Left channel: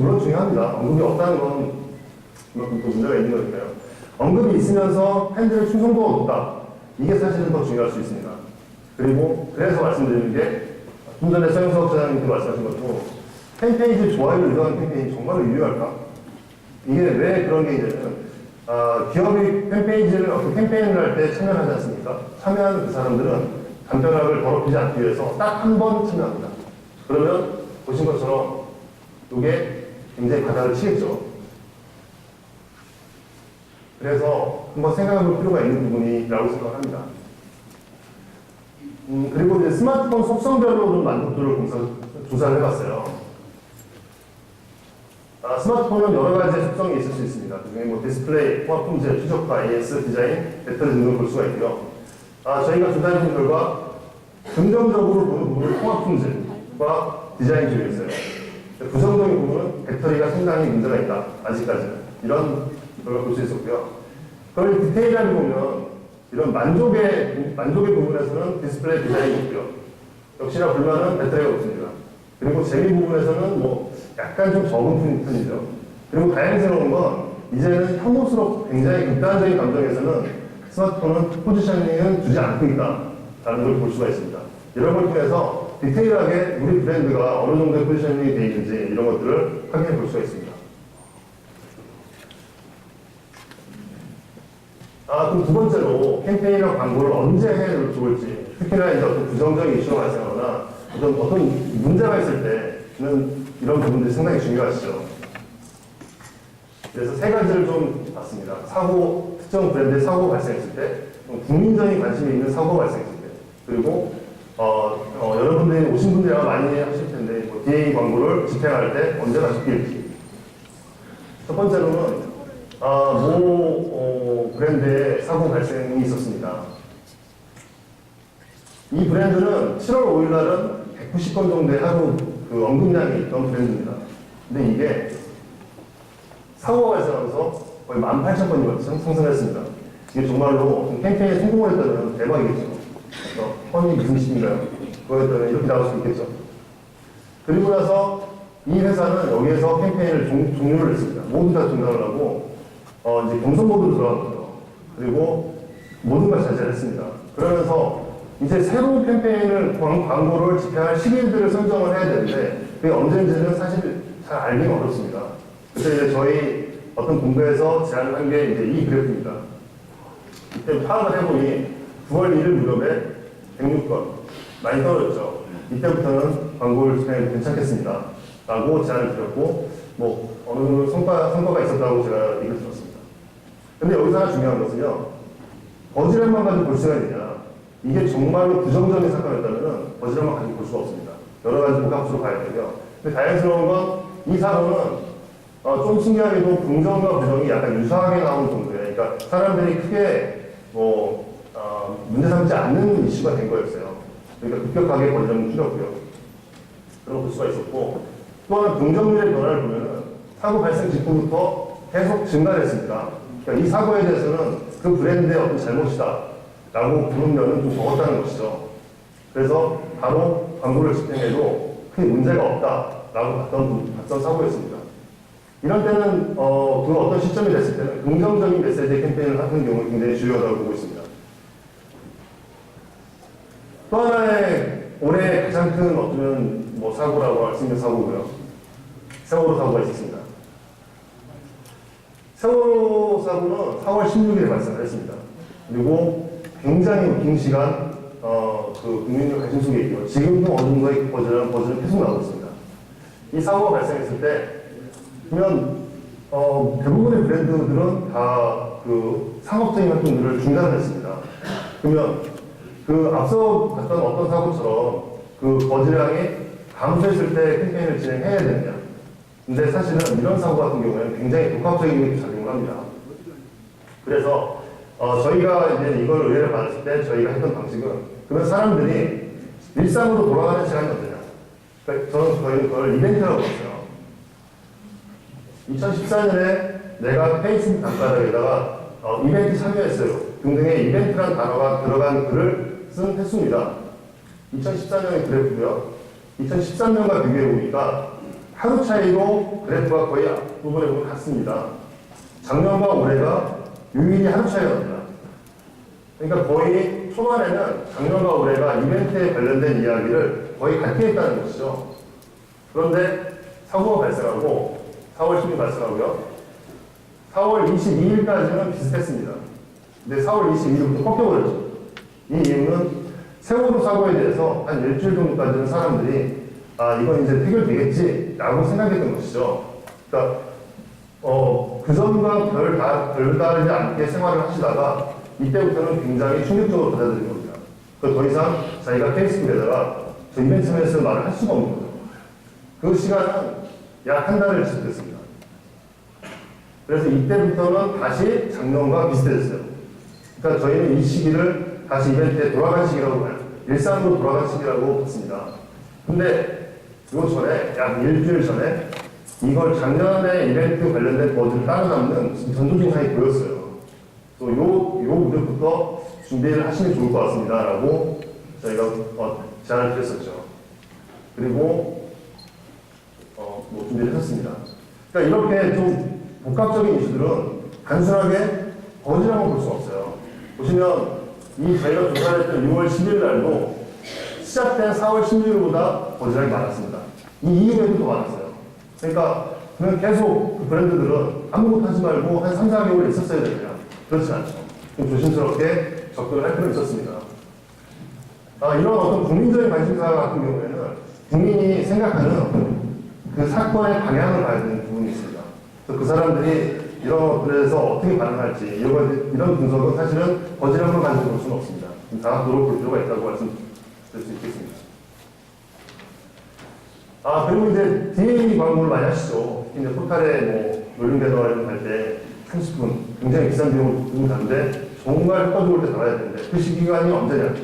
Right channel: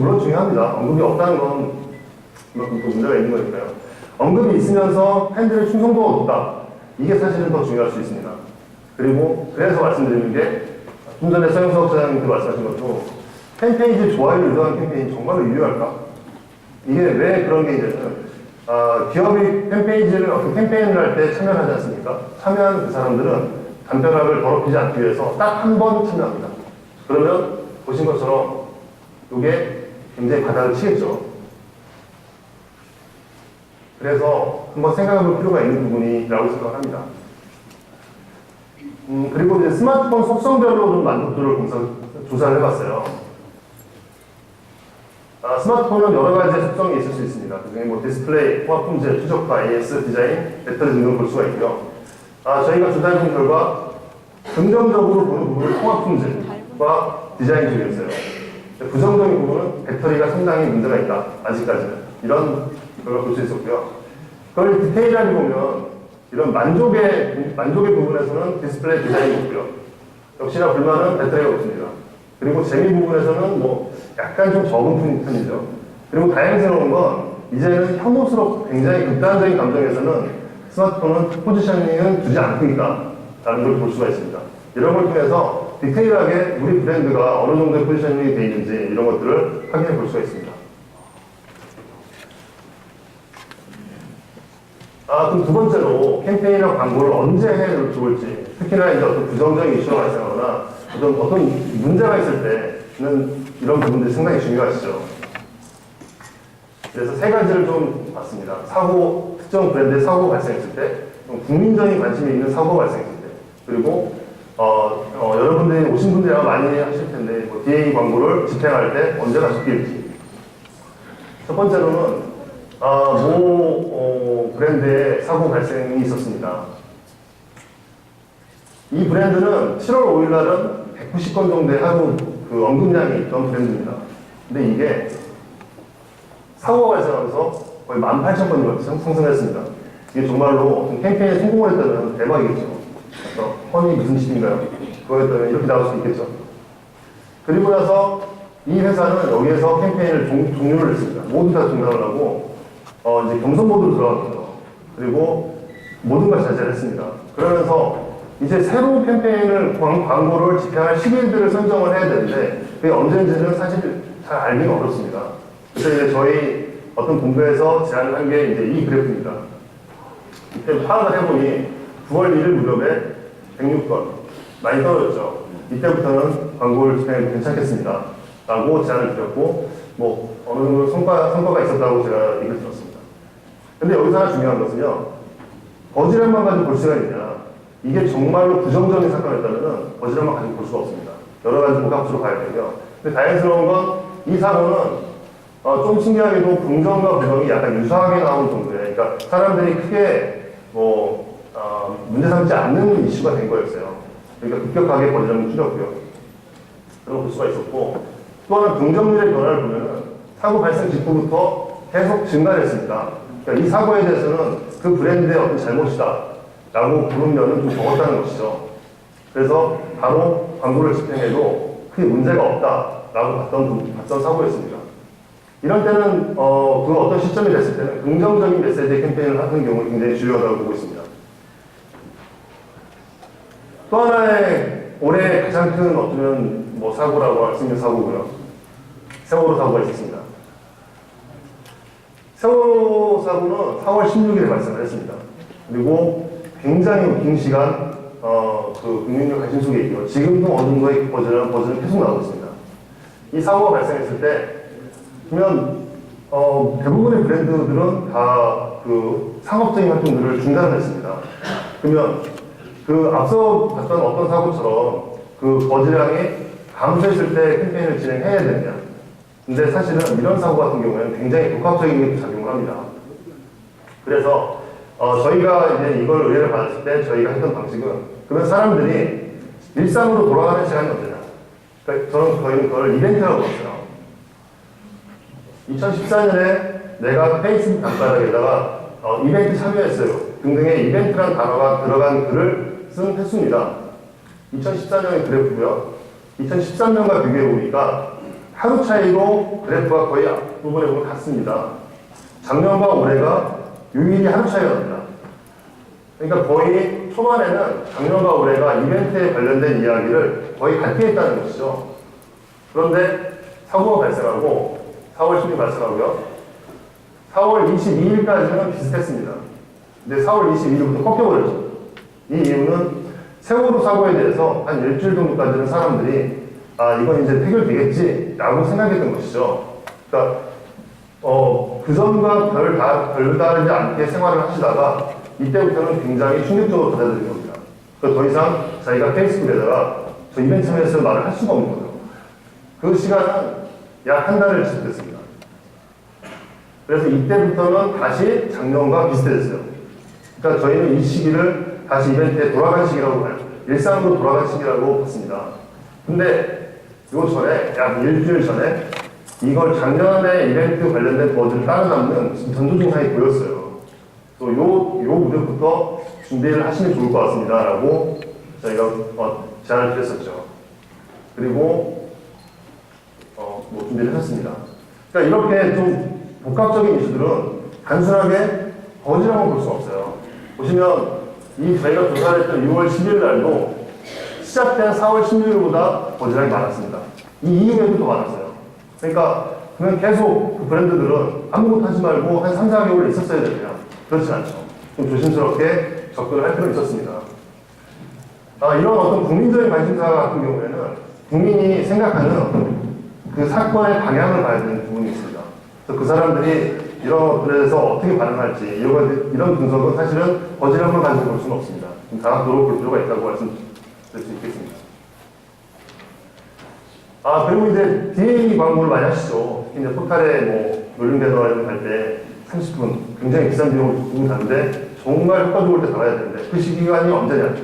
물론 중요합니다. 언급이 없다는 건 그만큼 또 문제가 있는 거니까요. 언급이 있으면서 팬들의 충성도가 높다. 이게 사실은 더 중요할 수 있습니다. 그리고 그래서 말씀드리는 게 좀 전에 서영석 사장님께 말씀하신 것도 팬페이지 좋아요를 유도하는 캠페인이 정말로 유효할까? 이게 왜 그런 게 있냐면 기업이 팬페이지를 어떤 캠페인을 할 때 참여하지 않습니까? 참여한 그 사람들은 담벼락을 더럽히지 않기 위해서 딱 한 번 참여합니다. 그러면 보신 것처럼 이게 굉장히 바닥을 치겠죠. 그래서 한번 생각해 볼 필요가 있는 부분이라고 생각합니다. 그리고 이제 스마트폰 속성별로 좀 만족도를 조사를 해봤어요. 스마트폰은 여러 가지 속성이 있을 수 있습니다. 그중에 뭐 디스플레이, 통합 품질, 최적화, AS, 디자인, 배터리 등을 볼 수가 있고요. 저희가 조사해본 결과 긍정적으로 보는 부분은 통합 품질과 디자인 쪽이었어요. 부정적인 부분은 배터리가 상당히 문제가 있다. 아직까지는. 이런 걸 볼 수 있었고요. 그걸 디테일하게 보면 이런 만족의 부분에서는 디스플레이 디자인이 있고요. 역시나 불만은 배터리가 없습니다. 그리고 재미 부분에서는 뭐 약간 좀 적은 편이죠. 그리고 다행스러운 건 이제는 혐오스럽고 굉장히 극단적인 감정에서는 스마트폰은 포지셔닝은 주지 않습니다. 라는 걸 볼 수가 있습니다. 이런 걸 통해서 디테일하게 우리 브랜드가 어느 정도의 포지셔닝이 되어 있는지 이런 것들을 확인해 볼 수가 있습니다. 그럼 두 번째로 캠페인이나 광고를 언제 해 좋을지, 특히나 이제 어떤 부정적인 이슈가 발생하거나 어떤 문제가 있을 때는 이런 부분들이 상당히 중요하시죠. 그래서 세 가지를 좀 봤습니다. 특정 브랜드의 사고 발생했을 때, 국민적인 관심이 있는 사고 발생했을 때, 그리고 여러분들이 오신 분들이 아마 많이 하실 텐데, 뭐 DA 광고를 집행할 때 언제가 적기일지. 첫 번째로는 브랜드의 사고 발생이 있었습니다. 이 브랜드는 7월 5일 날은 190건 정도의 하루 그 언급량이 있던 브랜드입니다. 근데 이게 사고가 발생하면서 거의 18,000건이 상승했습니다. 이게 정말로 캠페인에 성공을 했다면 대박이겠죠. 그래서 허니 무슨 짓인가요? 그거에 따라 이렇게 나올 수 있겠죠. 그리고 나서 이 회사는 여기에서 캠페인을 종료를 했습니다. 모두 다 중단을 하고 이제 경선 모드로 들어간 거죠. 그리고 모든 걸 자제를 했습니다. 그러면서 이제 새로운 캠페인을 광고를 집행할 시기들을 선정을 해야 되는데 그게 언제인지는 사실 잘 알기는 어렵습니다. 그래서 이제 저희 어떤 공부에서 제안을 한 게 이제 이 그래프입니다. 이때 파악을 해보니 9월 1일 무렵에 106건 많이 떨어졌죠. 이때부터는 광고를 집행해도 괜찮겠습니다. 라고 제안을 드렸고 뭐 어느 정도 성과가 있었다고 제가 얘기를 들었습니다. 근데 여기서 하나 중요한 것은요. 버즈량만 가지고 볼 수가 있느냐. 이게 정말로 부정적인 사건이었다면 버즈량만 가지고 볼 수가 없습니다. 여러 가지 복합적으로 봐야 되고요. 근데 다행스러운 건 이 사고는 좀 신기하게도 긍정과 부정이 약간 유사하게 나오는 정도예요. 그러니까 사람들이 크게 문제 삼지 않는 이슈가 된 거였어요. 그러니까 급격하게 버즈량을 줄였고요. 그런 걸 볼 수가 있었고 또 하나 긍정률의 변화를 보면은 사고 발생 직후부터 계속 증가했습니다. 그러니까 이 사고에 대해서는 그 브랜드의 어떤 잘못이다 라고 보는 면은 좀 적었다는 것이죠. 그래서 바로 광고를 집행해도 크게 문제가 없다 라고 봤던 사고였습니다. 이런 때는 그 어떤 시점이 됐을 때는 긍정적인 메시지 캠페인을 하는 경우 굉장히 중요하다고 보고 있습니다. 또 하나의 올해 가장 큰 어쩌면 사고라고 할 수 있는 사고고요. 세월호 사고가 있었습니다. 세월호 사고는 4월 16일에 발생을 했습니다. 그리고 굉장히 긴 시간 그 국민적 관심 속에 있고요. 지금도 어느 정도의 버즈는 계속 나오고 있습니다. 이 사고가 발생했을 때 그러면 대부분의 브랜드들은 다 그 상업적인 활동들을 중단했습니다. 그러면 그 앞서 봤던 어떤 사고처럼 그 버즈량이 감소했을 때 캠페인을 진행해야 되느냐. 근데 사실은 이런 사고 같은 경우에는 굉장히 복합적인 작용을 합니다. 그래서 저희가 이제 이걸 의뢰를 받았을 때 저희가 했던 방식은 그러면 사람들이 일상으로 돌아가는 시간이 언제냐. 그러니까 저희는 그걸 이벤트라고 했어요. 2014년에 내가 페이스북 단가락에다가 이벤트 참여했어요. 등등의 이벤트라는 단어가 들어간 글을 쓴 횟수입니다. 2014년의 그래프고요. 2013년과 비교해 보니까 하루 차이로 그래프가 거의 앞부분에 보면 같습니다. 작년과 올해가 유일히 하루 차이가 납니다. 그러니까 거의 초반에는 작년과 올해가 이벤트에 관련된 이야기를 거의 같게 했다는 것이죠. 그런데 사고가 발생하고 4월 10일 발생하고요. 4월 22일까지는 비슷했습니다. 근데 4월 22일부터 꺾여버렸죠. 이 이유는 세월호 사고에 대해서 한 일주일 정도까지는 사람들이 이건 이제 해결되겠지 라고 생각했던 것이죠. 그러니까 그전과 별다르지 않게 생활을 하시다가 이때부터는 굉장히 충격적으로 받아들인 겁니다. 더 이상 자기가 페이스북에다가 저 이벤트 참여했을 말을 할 수가 없는 거죠. 그 시간은 약 한 달을 지속했습니다. 그래서 이때부터는 다시 작년과 비슷해졌어요. 그러니까 저희는 이 시기를 다시 이벤트에 돌아간 시기라고 봐요. 일상으로 돌아간 시기라고 봤습니다. 근데 요 전에, 약 일주일 전에 이걸 작년에 이벤트 관련된 버즈를 따라잡는 전조 증상이 보였어요. 또 요 무렵부터 준비를 하시면 좋을 것 같습니다. 라고 저희가 제안을 드렸었죠. 그리고 준비를 했습니다. 그러니까 이렇게 좀 복합적인 이슈들은 단순하게 버즈라고 볼 수 없어요. 보시면 저희가 조사를 했던 6월 10일 날도 시작된 4월 16일보다 버즈량이 많았습니다. 이 이후에도 더 많았어요. 그러니까 그냥 계속 그 브랜드들은 아무것도 하지 말고 한 3, 4개월 있었어야 됩니다. 그렇지 않죠. 좀 조심스럽게 접근을 할 필요가 있었습니다. 이런 어떤 국민적인 관심사 같은 경우에는 국민이 생각하는 어떤 그 사건의 방향을 봐야 되는 부분이 있습니다. 그래서 그 사람들이 이런 것들에 대해서 어떻게 반응할지 이런 분석은 사실은 버즈량만 가지고 볼 수는 없습니다. 다각도로 볼 필요가 있다고 말씀드릴 수 있겠습니다. 그리고 이제 DA 광고를 많이 하시죠. 특히 이제 포탈에 놀림 배너를 할 때 30분 굉장히 비싼 비용을 두고 다는데 정말 효과적일 때 달아야 되는데 그 시기간이 언제냐?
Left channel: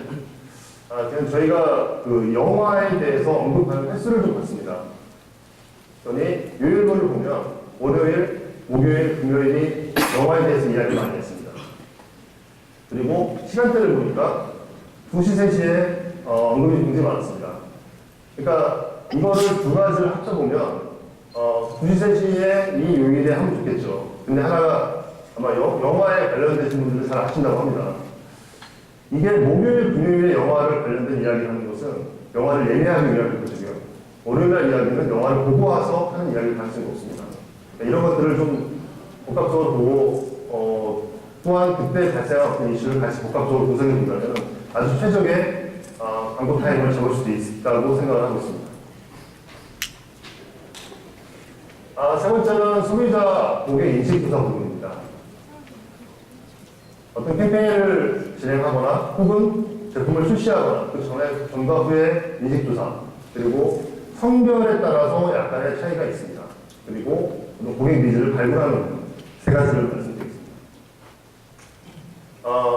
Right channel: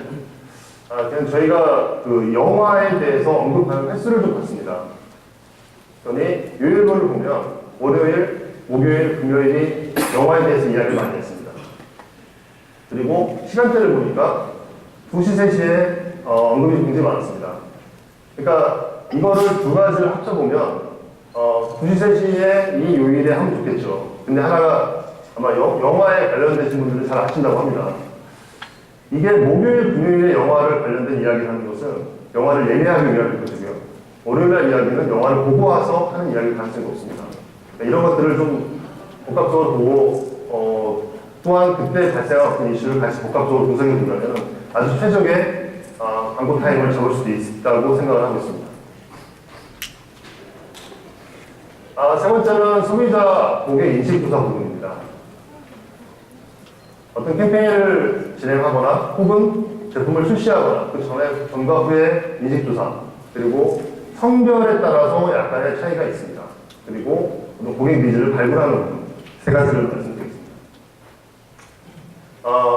그냥 저희가 그 영화에 대해서 언급하는 횟수를 좀 봤습니다. 그러니 요일별로 보면 월요일, 목요일, 금요일이 영화에 대해서 이야기를 많이 했습니다. 그리고 시간대를 보니까 2시, 3시에 언급이 굉장히 많았습니다. 그러니까 이거를 두 가지를 합쳐보면 2시, 3시에 이 요일에 하면 좋겠죠. 근데 하나가 아마 영화에 관련되신 분들은 잘 아신다고 합니다. 이게 목요일, 금요일에 영화를 관련된 이야기를 하는 것은 영화를 예매하기 위한 것이고요. 월요일날 이야기는 영화를 보고 와서 하는 이야기를 가능성이 없습니다. 이런 것들을 좀 복합적으로 보고 또한 그때 발생한 어떤 이슈를 같이 복합적으로 분석해 본다면 아주 최적의 광고 타임을 잡을 수도 있다고 생각을 하고 있습니다. 세 번째는 소비자 고객 인식 조사 부분입니다. 어떤 캠페인을 진행하거나 혹은 제품을 출시하거나 그 전과 후의 인식 조사 그리고 성별에 따라서 약간의 차이가 있습니다. 그리고 고객 니즈를 발굴하는 부분 세 가지를 말씀드리겠습니다.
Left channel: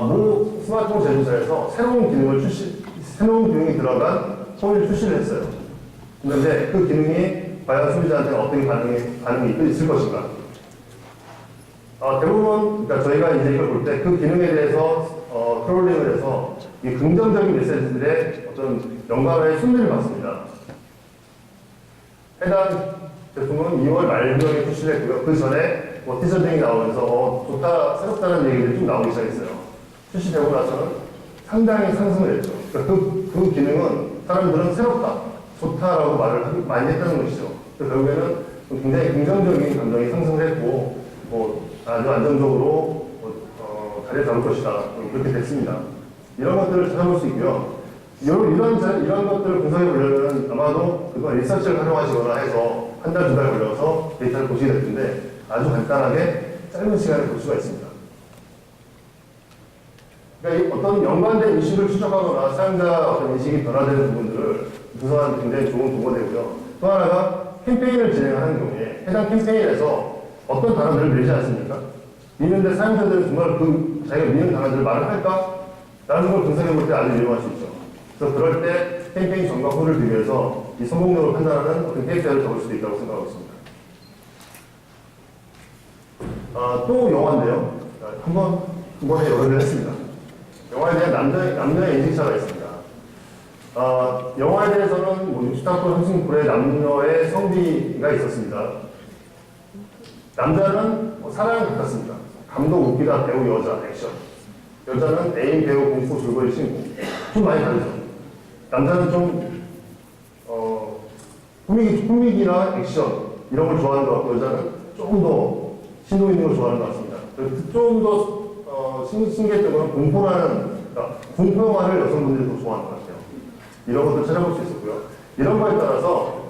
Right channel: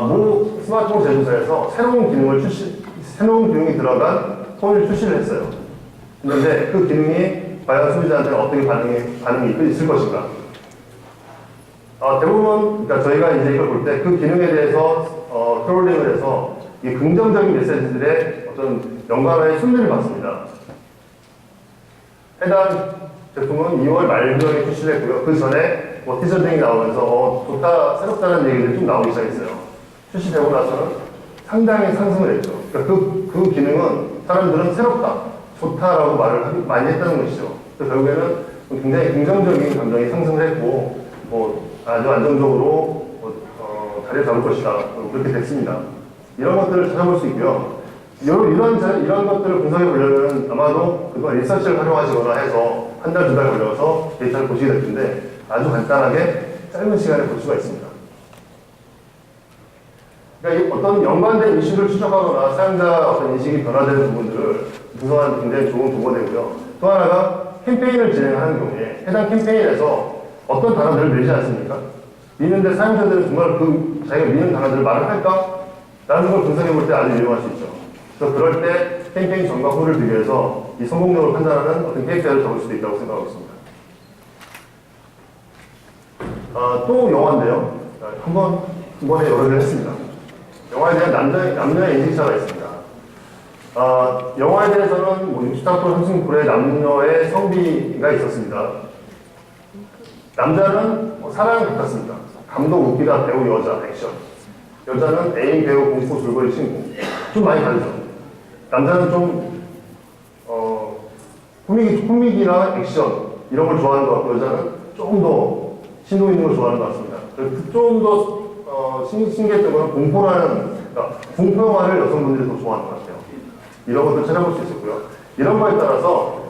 모 스마트폰 제조사에서 새로운 기능이 들어간 폰을 출시를 했어요. 그런데 그 기능이 과연 소비자한테는 어떻게 반응이 있을 것인가? 대부분, 그러니까 저희가 이제 이걸 볼 때 그 기능에 대해서 크롤링을 해서 이 긍정적인 메시지들의 어떤 연관의 순위를 봤습니다. 해당 제품은 2월 말경에 출시를 했고요. 그 전에 티저 등이 나오면서 좋다, 새롭다는 얘기들이 좀 나오기 시작했어요. 출시되고 나서는 상당히 상승을 했죠. 그러니까 그 기능은 사람들은 새롭다, 좋다라고 말을 많이 했다는 것이죠. 그래서 결국에는 굉장히 긍정적인 감정이 상승을 했고, 아주 안정적으로 자리를 잡을 것이다. 그렇게 됐습니다. 이런 것들을 찾아볼 수 있고요. 이런 것들을 분석해 보려면 아마도 그동안 리서치를 활용하시거나 해서 한 달, 두 달 걸려서 데이터를 보시게 될 텐데 아주 간단하게 짧은 시간에 볼 수가 있습니다. 그러니까 어떤 연관된 이슈를 추적하거나 사용자 어떤 인식이 변화되는 부분들을 분석하는 굉장히 좋은 도구가 되고요. 또 하나가 캠페인을 진행하는 경우에 해당 캠페인에서 어떤 단어들을 밀지 않습니까? 미는데 사용자들은 정말 자기가 미는 단어들을 말을 할까? 라는 걸 분석해 볼 때 아주 유용할 수 있죠. 그래서 그럴 때 캠페인 전과 후를 비교해서 이 성공력을 판단하는 어떤 KPI를 적을 수도 있다고 생각하고 있습니다. 또 영화인데요. 한 번에 여러 개를 했습니다. 영화에 대한 남녀의 인식차가 있습니다. 영화에 대해서는 뭐 64도 30%의 남녀의 성비가 있었습니다. 남자는 뭐 사랑 같았습니다. 감독, 웃기다, 배우, 여자, 액션. 여자는 애인, 배우, 공포, 줄거리, 친구. 좀 많이 다르죠. 남자는 좀 코믹이나 액션 이런 걸 좋아하는 것 같고, 여자는 조금 더 신도 있는 걸 좋아하는 것 같습니다. 좀 더 신기했던 건 공포라는, 그러니까 공포 영화를 여성분들이 더 좋아하는 것 같아요. 이런 것도 찾아볼 수 있었고요. 이런 거에 따라서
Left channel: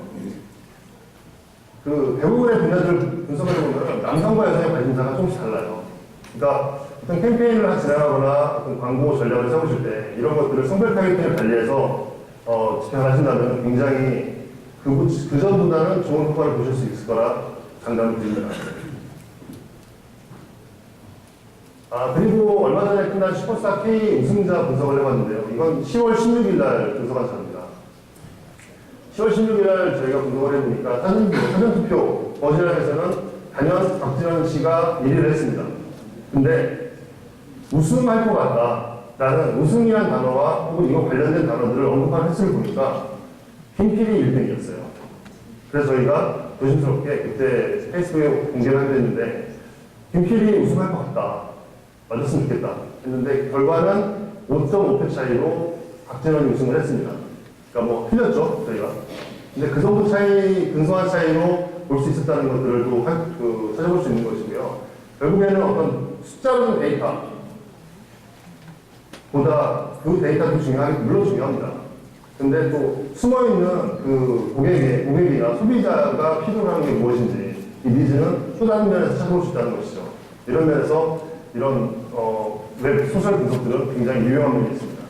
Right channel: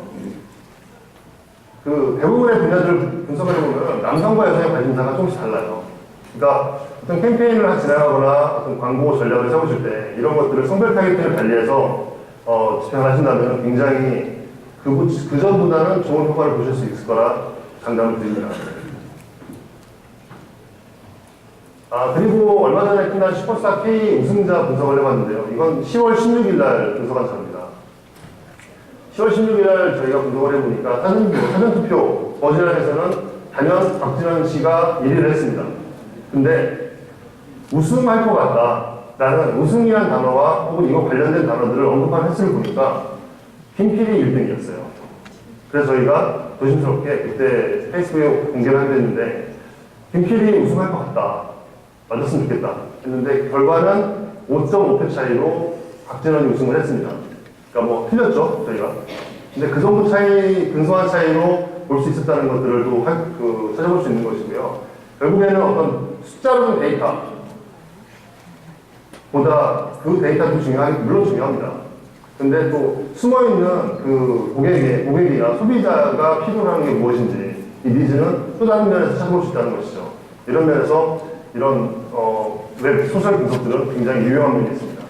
그 대부분의 분야들을 분석을 해보면 남성과 여성의 관심사가 조금씩 달라요. 그러니까 어떤 캠페인을 진행하거나 어떤 광고 전략을 세우실 때 이런 것들을 성별 타겟팅을 달리해서 집행을 하신다면 굉장히 그 전보다는 좋은 효과를 보실 수 있을 거라 장담을 드립니다. 그리고 얼마 전에 끝난 슈퍼스타 K 우승자 분석을 해봤는데요. 이건 10월 16일 날 분석한 자입니다. 10월 16일 날 저희가 분석을 해보니까 사전투표 버즈란에서는 단연 박진원 씨가 1위를 했습니다. 근데 우승할 것 같다라는 우승이라는 단어와 혹은 이거 관련된 단어들을 언급한 횟수를 보니까 김필이 1등이었어요. 그래서 저희가 조심스럽게 그때 페이스북에 공개를 하게 됐는데 김필이 우승할 것 같다. 맞았으면 좋겠다 했는데 결과는 5.5표 차이로 박진원이 우승을 했습니다. 그러니까 뭐 틀렸죠 저희가. 근데 그 정도 차이, 근소한 차이로 볼 수 있었다는 것들을 또 찾아볼 수 있는 것이고요. 결국에는 어떤 숫자로는 데이터 보다 그 데이터도 물론 중요합니다. 근데 또 숨어있는 그 고객이나 소비자가 필요로 하는 게 무엇인지 이 니즈는 또 다른 면에서 찾아볼 수 있다는 것이죠. 이런 면에서 이런 웹 소셜 분석들은 굉장히 유용한 면이 있습니다.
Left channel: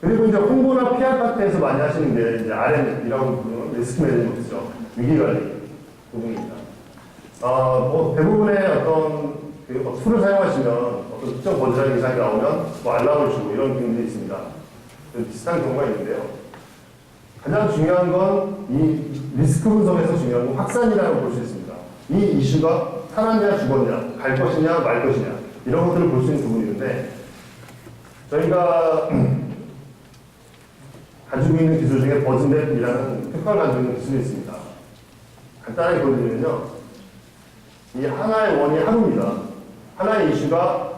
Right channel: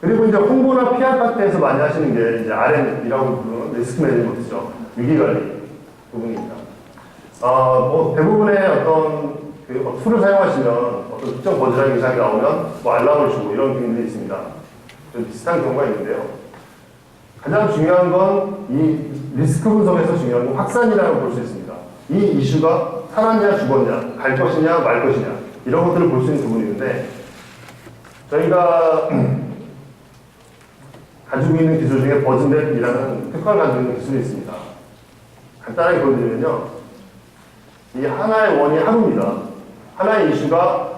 그리고 이제 홍보나 PR 파트에서 많이 하시는 게 이제 RM이라고 부르는 리스크 매니지먼트죠. 위기관리 부분입니다. 뭐 대부분의 어떤 툴을 사용하시면 어떤 특정 버즈라는 이상이 나오면 뭐 알람을 주고 이런 기능들이 있습니다. 비슷한 경우가 있는데요. 가장 중요한 건 이 리스크 분석에서 중요한 건 확산이라고 볼 수 있습니다. 이 이슈가 살았냐 죽었냐, 갈 것이냐 말 것이냐 이런 것들을 볼 수 있는 부분이 있는데 저희가 가지고 있는 기술 중에 버즈넷이라는 특화를 가지고 있는 기술이 있습니다. 간단하게 보여드리면요. 이 하나의 원이 하루입니다. 하나의 이슈가